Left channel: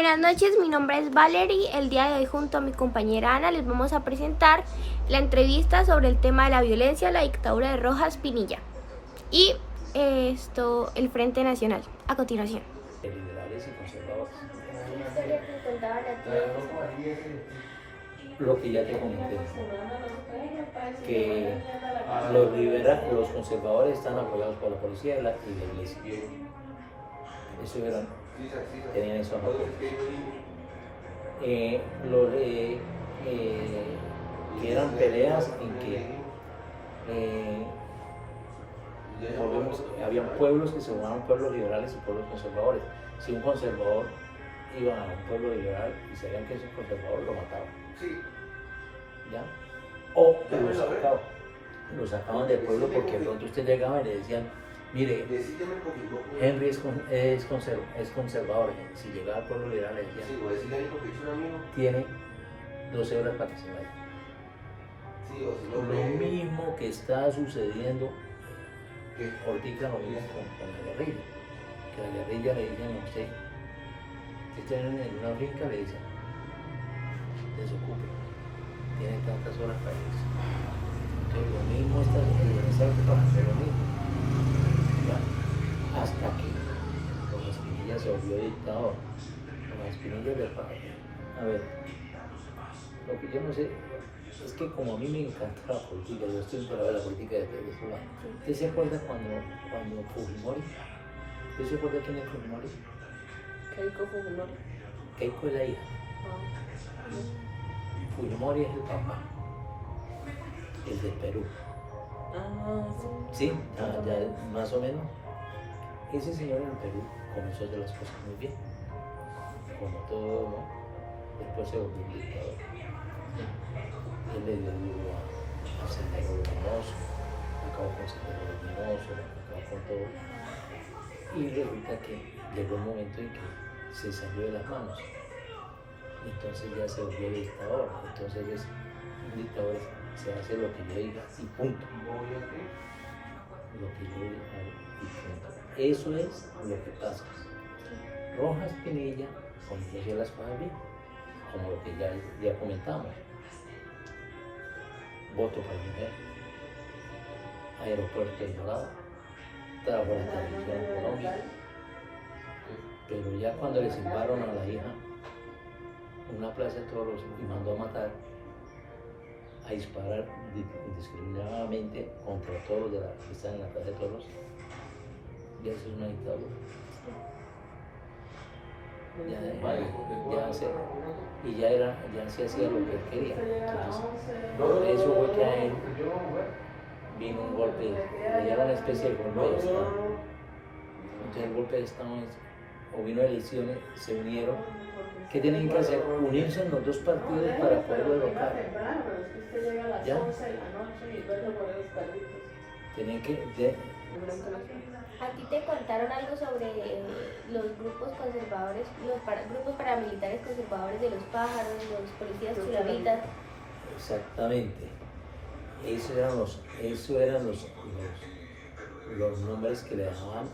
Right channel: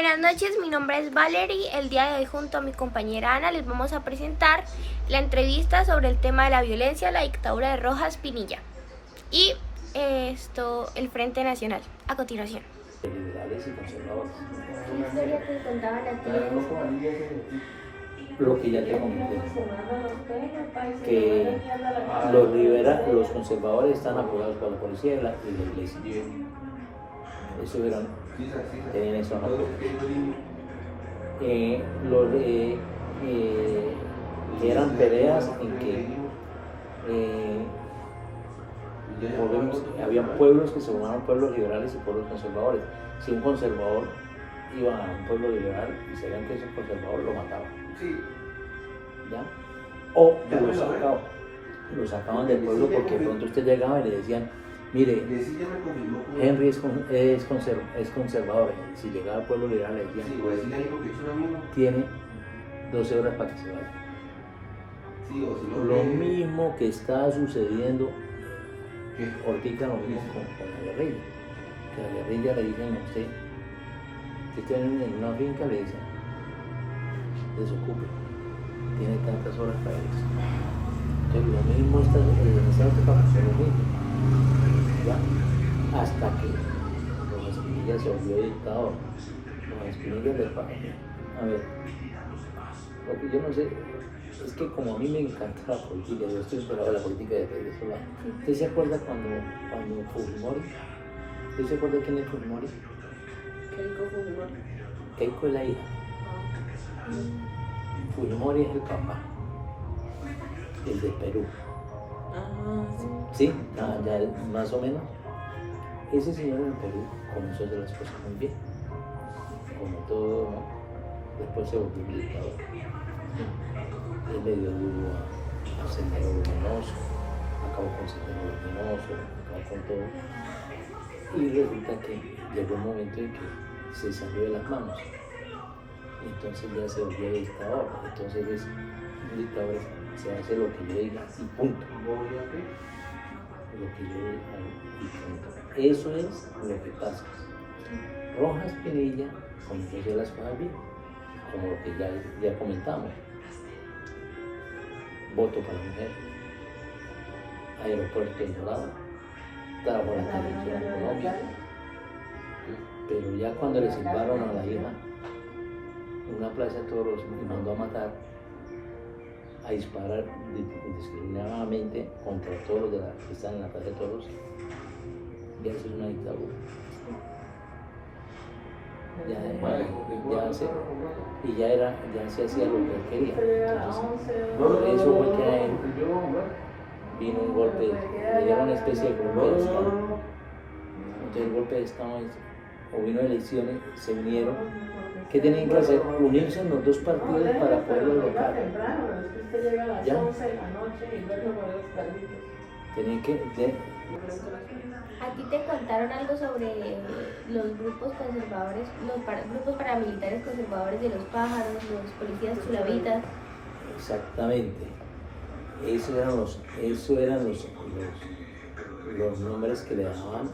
Buenas noches, mi nombre es Valerie. El día de hoy junto a mi compañera Ana les vamos a presentar la entrevista sobre el tema de la violencia, la dictadura de Rojas Pinilla y el Frente Nacional. A continuación. Liberales y conservadores. ¿Qué historia te contaban a ti? Lo que ya te comenté, que los conservadores están apoyados por la policía y la iglesia. Eso tenían eso en apoyo. Eran peleas en que habían pueblos que se llamaban pueblos liberales y pueblos conservadores. Si un conservador iba a un pueblo liberal y sabían que ese conservador lo mataba, ¿ya? O lo sacaban del pueblo porque de pronto usted llegaba y le decían, mire, Henry es conservador. Si llegaba al pueblo liberal le decían, tiene 12 horas para que se vaya. Lo mismo que está sucediendo ahorita, lo mismo con la guerrilla. Que la guerrilla le dicen a usted que está en una finca, le dicen, desocupe, tiene tantas horas para irse. Entonces lo mismo está en esa época, lo mismo. ¿Ya? Hasta que Rojas Pinilla se volvió dictador. Rojas Pinilla le pagó. A ver, lo que yo no sé es que como a mí me encanta la política, yo estoy enterado de la política de Venezuela. ¿Usted se acuerda cuando Fujimori? ¿Usted se acuerda quién es Fujimori? Keiko Fujimori. Keiko es la hija. Fujimori es el papá, el de Perú. Sí, ya más o menos. Ese señor en Perú comenzó a hacer las cosas muy bien, como todo, ¿no? Después se volvió un dictador. Él le dio duro a Sendero Luminoso, acabó con Sendero Luminoso, acabó con todo. Y resulta que llegó un momento en que se salió de las manos. Entonces ya se volvió dictador. Entonces un dictador se hace lo que yo diga y punto. Lo que yo diga y punto. Eso es lo que pasa. Rojas Pinilla comenzó a hacer las cosas bien, como lo que ya comentamos. Voto para la mujer, aeropuerto en Dorado, trabajo en la televisión en Colombia. Pero ya cuando le silbaron a la hija en una plaza de toros y mandó a matar, a disparar indiscriminadamente contra todos los que están en la plaza de toros, ya eso es una dictadura. Ya se hacía lo que él quería. Entonces, eso fue que a él vino un golpe, le dieron una especie de golpe de Estado. Entonces el golpe de Estado o vino elecciones, se unieron. ¿Qué tienen que hacer? Unirse en los dos partidos para poderlo derrocar. ¿Ya? Tienen que... ¿A ti te contaron algo sobre los grupos conservadores, grupos paramilitares conservadores de los pájaros, los policías chulavitas? Exactamente. Esos eran los nombres que le daban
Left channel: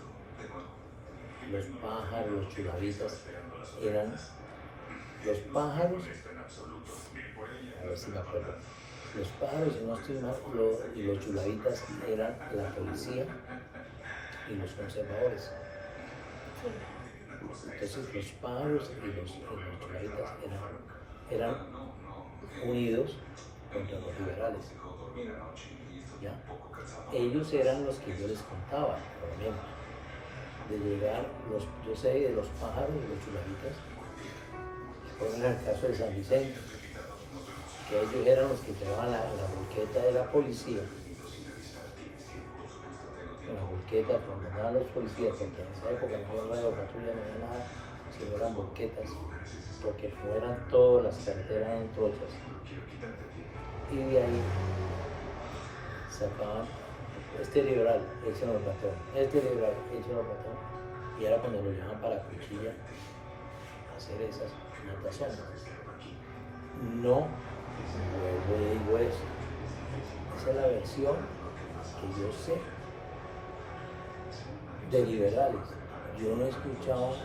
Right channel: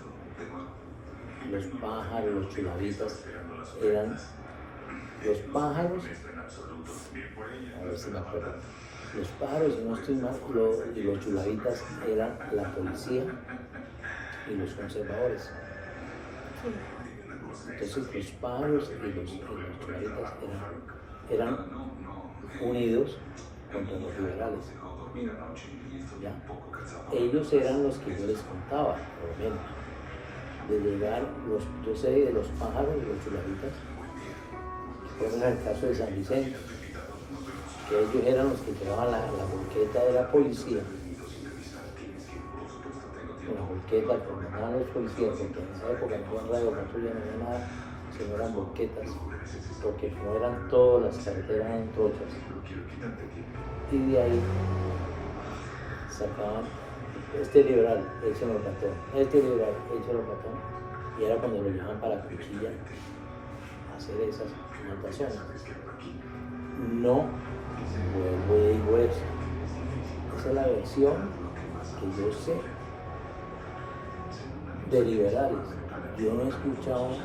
los pájaros, los chulavitas. Eran los pájaros, a ver si me acuerdo. Los pájaros, si no estoy mal, y los chulavitas eran la policía y los conservadores. Entonces los pájaros y los chulavitas eran unidos contra los liberales. ¿Ya? Ellos eran los que yo les contaba, por ejemplo, de llegar, yo sé de los pájaros y los chulavitas, por ejemplo en el caso de San Vicente, que ellos eran los que llevaban la volqueta de la policía. En la volqueta, cuando eran los policías, porque en esa época no había radio patrulla, no había nada, sino eran volquetas, porque como eran todas las carreteras eran trochas. Y de ahí sacaban, este liberal, ese no lo mató, este liberal, ese no lo mató, y era cuando lo llevaban para la cuchilla a hacer esas mataciones. No, vuelvo y digo eso. Esa es la versión que yo sé de liberales. Yo no he escuchado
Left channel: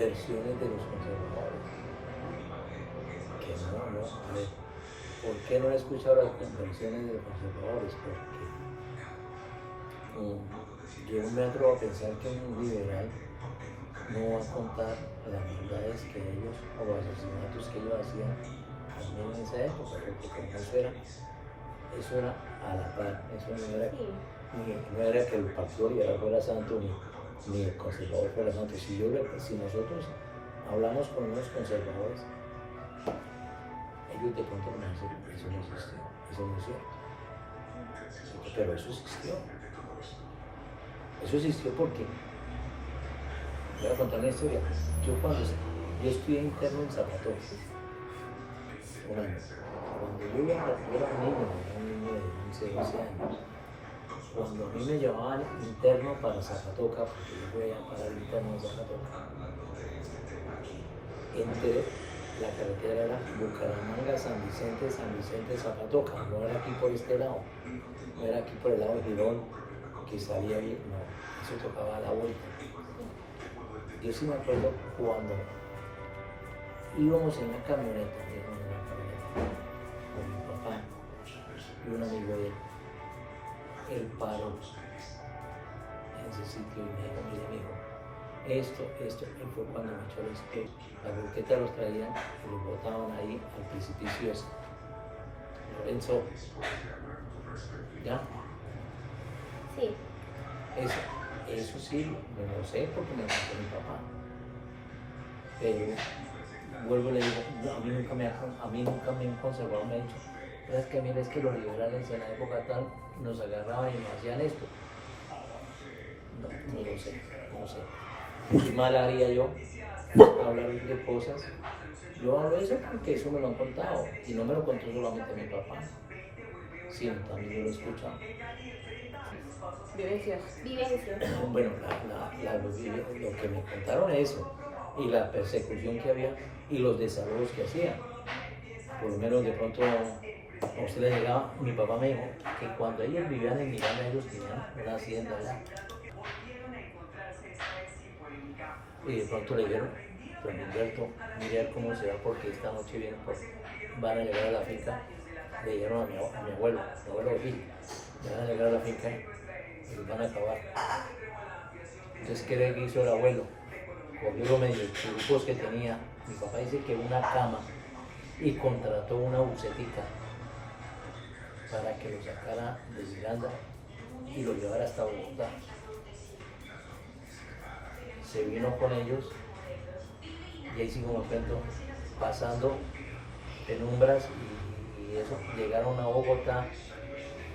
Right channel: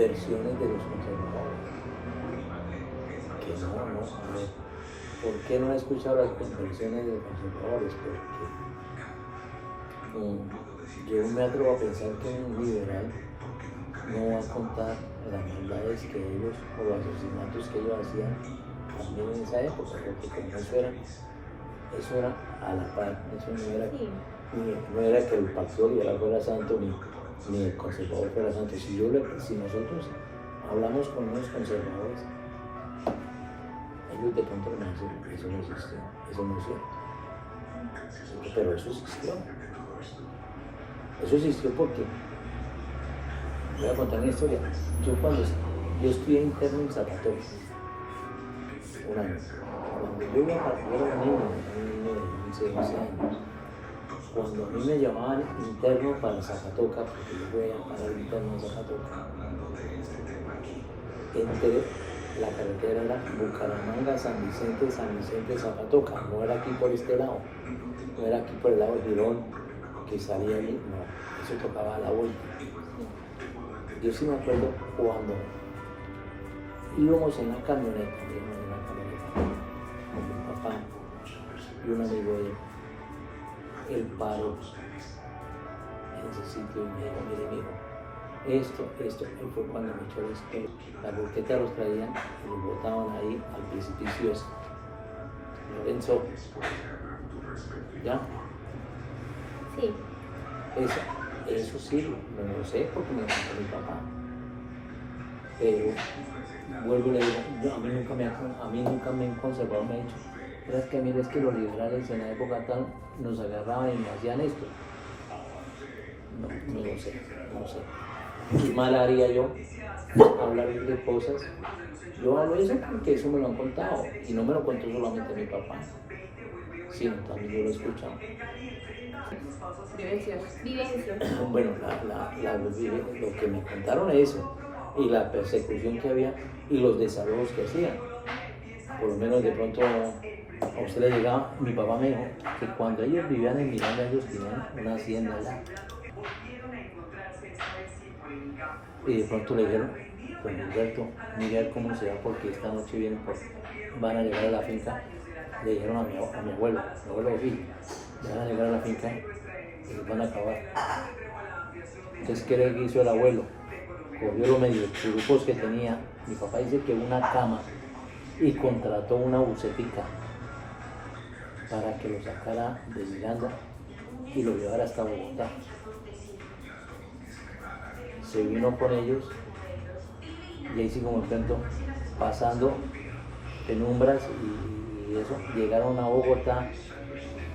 versiones de los conservadores. Que no, a ver, ¿por qué no he escuchado las versiones de los conservadores? Porque yo me atrevo a pensar que un liberal no va a contar las maldades que ellos, o los asesinatos que ellos hacían también en esa época, porque como eso era a la par, eso no era, no era que el Partido Liberal fuera santo ni el conservador fuera santo. Si nosotros hablamos con unos conservadores, ellos de pronto me dicen, eso no existe, eso no es cierto. Pero eso existió. Eso existió porque, voy a contar una historia. Yo estudié interno en Zapato, un año. Cuando yo era un niño de 11 años, cuando a mí me llamaban interno para Zapatoca, porque yo fui a parar interno en Zapatoca, entre la carretera era Bucaramanga, San Vicente, Zapatoca, no era aquí por este lado, no era aquí por el lado de Girón, que salía ahí, no, eso tocaba a la vuelta. Yo sí me acuerdo cuando íbamos en la camioneta con mi papá y un amigo de él paró en ese sitio y me dijo, mire, esto, y fue cuando me echó el espejo. La volqueta los traían y los botaban ahí al precipicio ese. Lorenzo, ¿ya? Sí. Eso sí, no lo sé porque me lo contó mi papá. Pero vuelvo y le digo, a mí nunca me han conservado, me ha dicho, pero es que mire, es que los liberales en la época tal nos agarraban y me hacían esto. No lo sé. ¿Qué mal haría yo hablar de cosas? Yo hablo de eso porque eso me lo han contado y no me lo contó solamente mi papá, sino también yo lo he escuchado. Vivencias. Bueno, lo que me contaron es eso, y la persecución que había y los desalojos que hacían. Por lo menos de pronto a usted le llegaba, mi papá me dijo que cuando ellos vivían en Miranda, ellos tenían una hacienda allá. Y de pronto le dijeron, pues Gilberto, mire cómo se va porque esta noche van a llegar a la finca. Le dijeron a mi abuelo sí, van a llegar a la finca y los van a acabar. Entonces, ¿qué le hizo el abuelo? Cogió los medios grupos que tenía. Mi papá dice que una cama y contrató una bucetica para que lo sacara de Miranda y lo llevara hasta Bogotá. Se vino con ellos y ahí sí, como el cuento, pasando penumbras y eso, llegaron a Bogotá,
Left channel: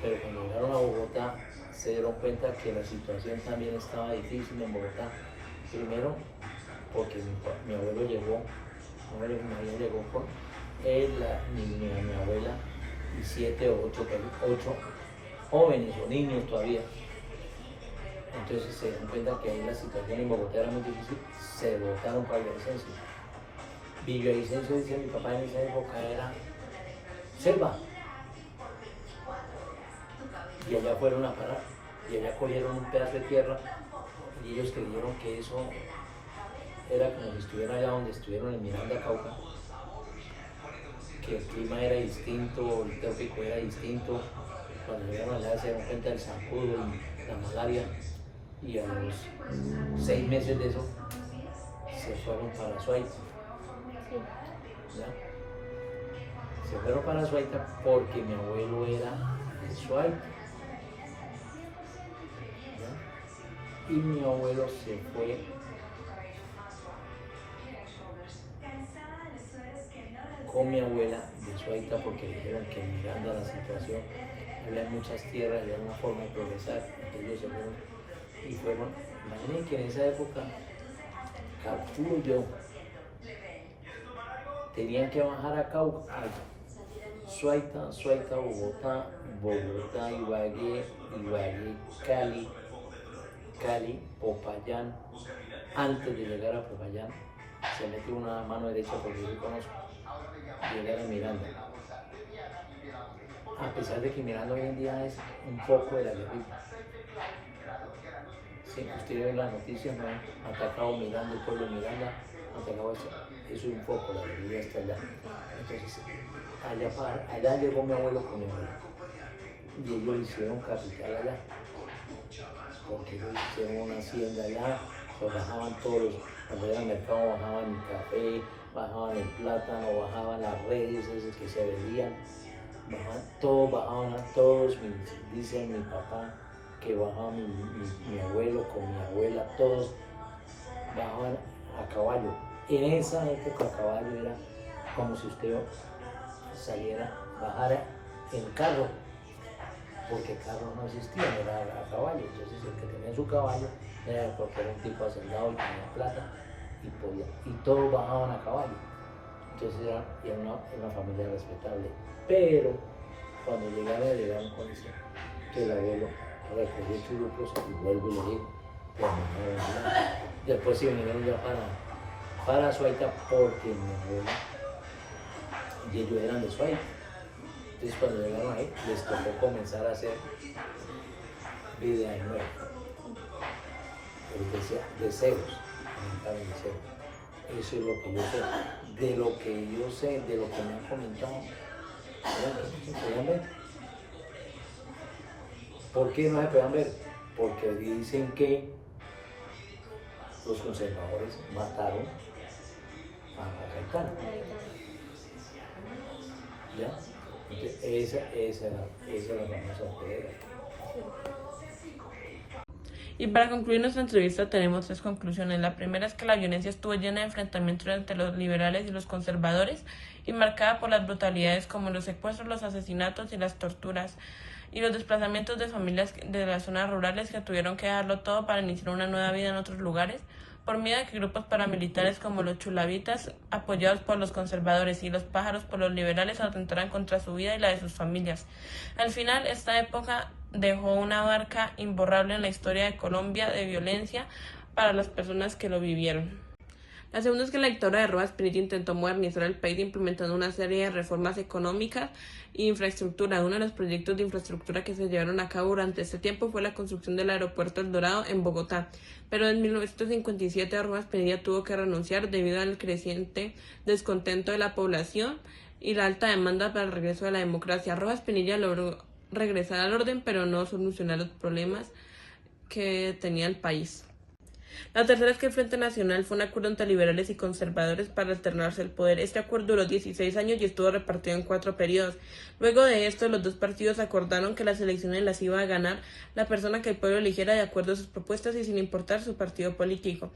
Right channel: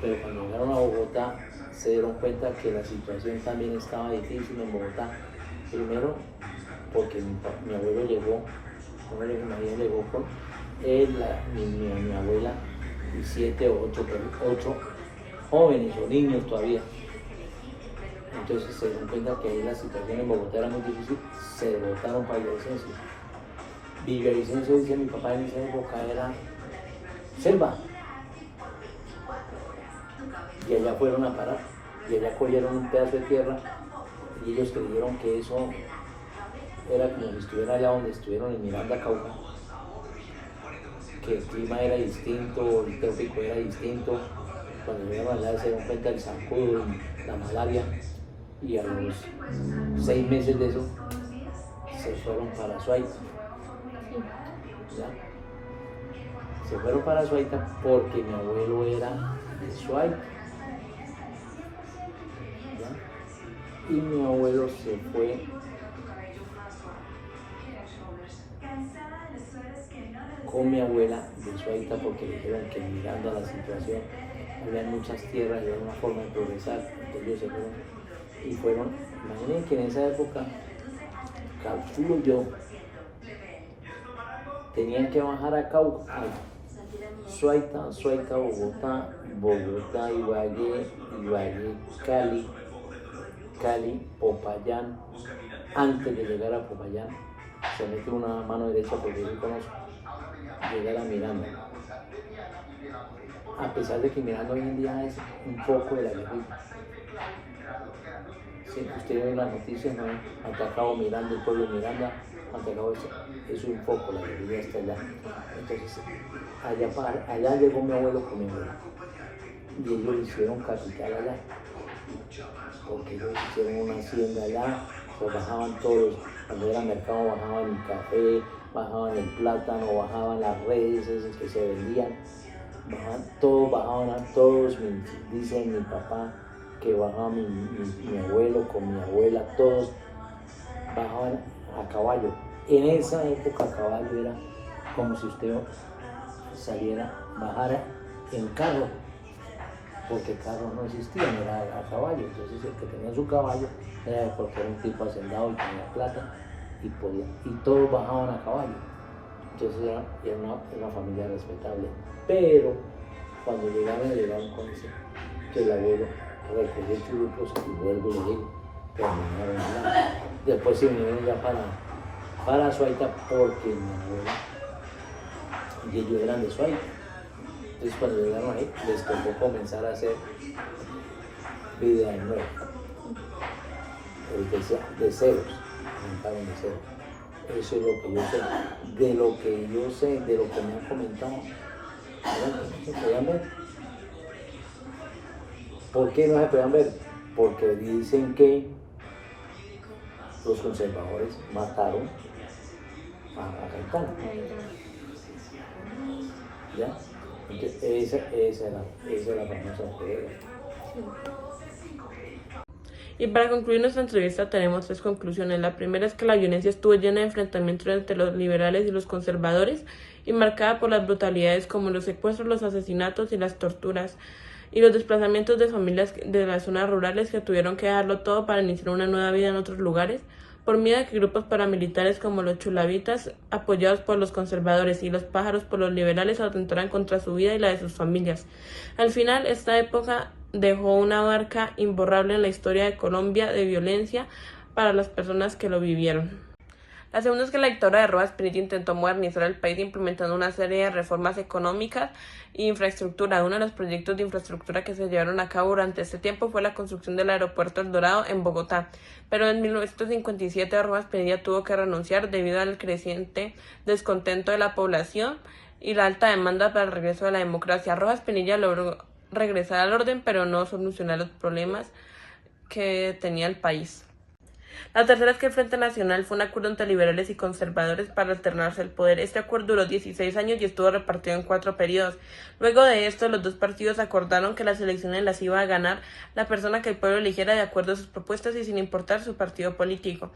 pero cuando llegaron a Bogotá se dieron cuenta que la situación también estaba difícil en Bogotá. Primero, porque mi abuelo llegó con él, mi abuela y 7 o 8 jóvenes o niños todavía. Entonces se dieron cuenta que ahí la situación en Bogotá era muy difícil, se votaron para Villavicencio. Villavicencio, dice mi papá, en esa época era selva. Y allá fueron a parar, y allá cogieron un pedazo de tierra, y ellos creyeron que eso era como si estuvieran allá donde estuvieron en Miranda, Cauca, que el clima era distinto, el trópico era distinto. Cuando llegaron allá se dieron cuenta del zancudo y la malaria, y a los 6 meses de eso se fueron para Suaita. ¿Ya? Se fueron para Suaita porque mi abuelo era de Suaita. ¿Ya? Y mi abuelo se fue con mi abuela de Suaita porque le dijeron que mirando a la situación había muchas tierras y había una forma de progresar. Entonces ellos se fueron imaginen que en esa época, calculo yo, tenían que bajar a Cauca, Suaita, Bogotá, Ibagué, Cali, Popayán. Antes de llegar a Popayán, se mete una mano derecha porque yo conozco, llegar a Miranda. A pesar de que Miranda hoy en día es un poco de la guerrilla. Sí, ustedes ven las noticias, ¿no? Atacado Miranda, el pueblo de Miranda, Mantecao es un foco, la guerrilla está allá. Entonces, allá llegó mi abuelo con mi abuela. Y ellos hicieron capital allá. Porque ellos hicieron una hacienda allá, pues bajaban todos, cuando era mercado bajaban el café, bajaban el plátano, bajaban las redes esas que se vendían, bajaban a todos, dice mi papá que bajaba mi abuelo con mi abuela, todos bajaban a caballo. En esa época a caballo era como si usted bajara en carro, porque carros no existían, era a caballo. Entonces el que tenía su caballo era porque era un tipo hacendado y tenía plata y todos bajaban a caballo. Entonces era una familia respetable. Pero cuando llegaron con eso, que el abuelo recogió churros y vuelvo y le digo, terminaron hablando. Después se vinieron ya para Suaita porque mi abuela y ellos eran de Suaita. Entonces cuando llegaron ahí, les tocó comenzar a hacer vida de nuevo. De ceros, arrancaron de cero. Eso es lo que yo sé. De lo que yo sé, de lo que me han comentado, bueno, no se podían ver. ¿Por qué no se podían ver? Porque dicen que los conservadores mataron a Caetano. ¿Ya? Esa es la famosa prueba. Y para concluir nuestra entrevista tenemos 3 conclusiones. La primera es que la violencia estuvo llena de enfrentamientos entre los liberales y los conservadores y marcada por las brutalidades como los secuestros, los asesinatos y las torturas y los desplazamientos de familias de las zonas rurales que tuvieron que dejarlo todo para iniciar una nueva vida en otros lugares por miedo a que grupos paramilitares como los chulavitas, apoyados por los conservadores, y los pájaros por los liberales atentaran contra su vida y la de sus familias. Al final, esta época dejó una marca imborrable en la historia de Colombia de violencia para las personas que lo vivieron. La segunda es que la dictadura de Rojas Pinilla intentó modernizar el país implementando una serie de reformas económicas e infraestructura. Uno de los proyectos de infraestructura que se llevaron a cabo durante este tiempo fue la construcción del aeropuerto El Dorado en Bogotá. Pero en 1957 Rojas Pinilla tuvo que renunciar debido al creciente descontento de la población y la alta demanda para el regreso de la democracia. Rojas Pinilla logró regresar al orden, pero no solucionar los problemas que tenía el país. La tercera es que el Frente Nacional fue un acuerdo entre liberales y conservadores para alternarse el poder. Este acuerdo duró 16 años y estuvo repartido en 4 periodos. Luego de esto, los dos partidos acordaron que las elecciones las iba a ganar la persona que el pueblo eligiera de acuerdo a sus propuestas y sin importar su partido político.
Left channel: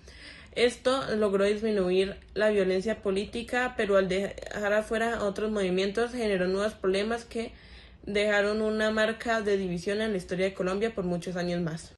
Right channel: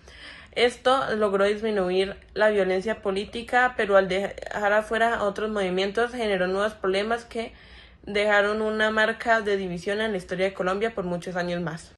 Esto logró disminuir la violencia política, pero al dejar afuera otros movimientos generó nuevos problemas que dejaron una marca de división en la historia de Colombia por muchos años más.